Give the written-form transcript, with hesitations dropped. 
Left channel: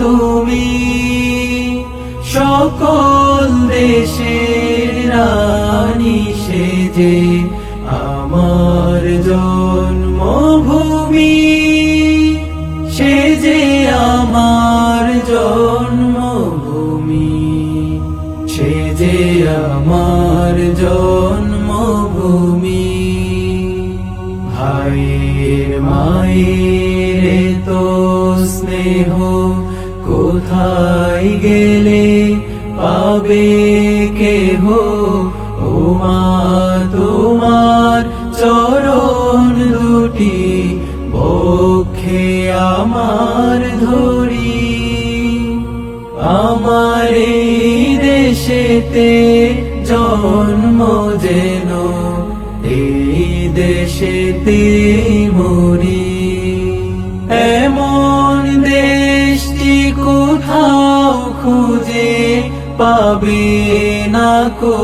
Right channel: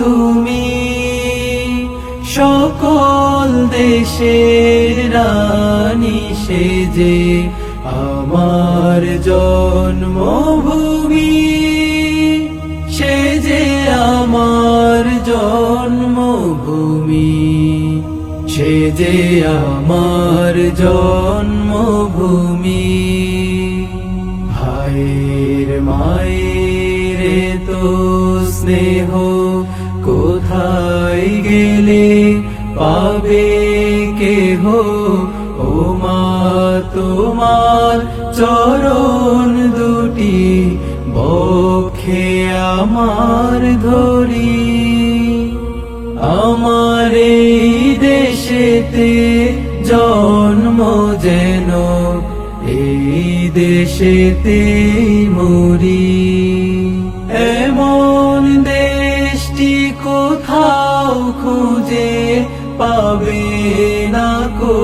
তুমি সকল দেশের রানী সেজে আমার জন্মভূমি সেজে আমার জন্মভূমি সেজে আমার জন্মভূমি ভাইয়ের মায়ের তো স্নেহ কোথায় গেলে পাবে কেহ ও মা তোমার চরণ দুটি বক্ষে আমার ধরি আমার এই দেশেতে জন্ম যেন এই দেশেতে মরি এমন দেশটি কোথাও খুঁজে পাবে না গো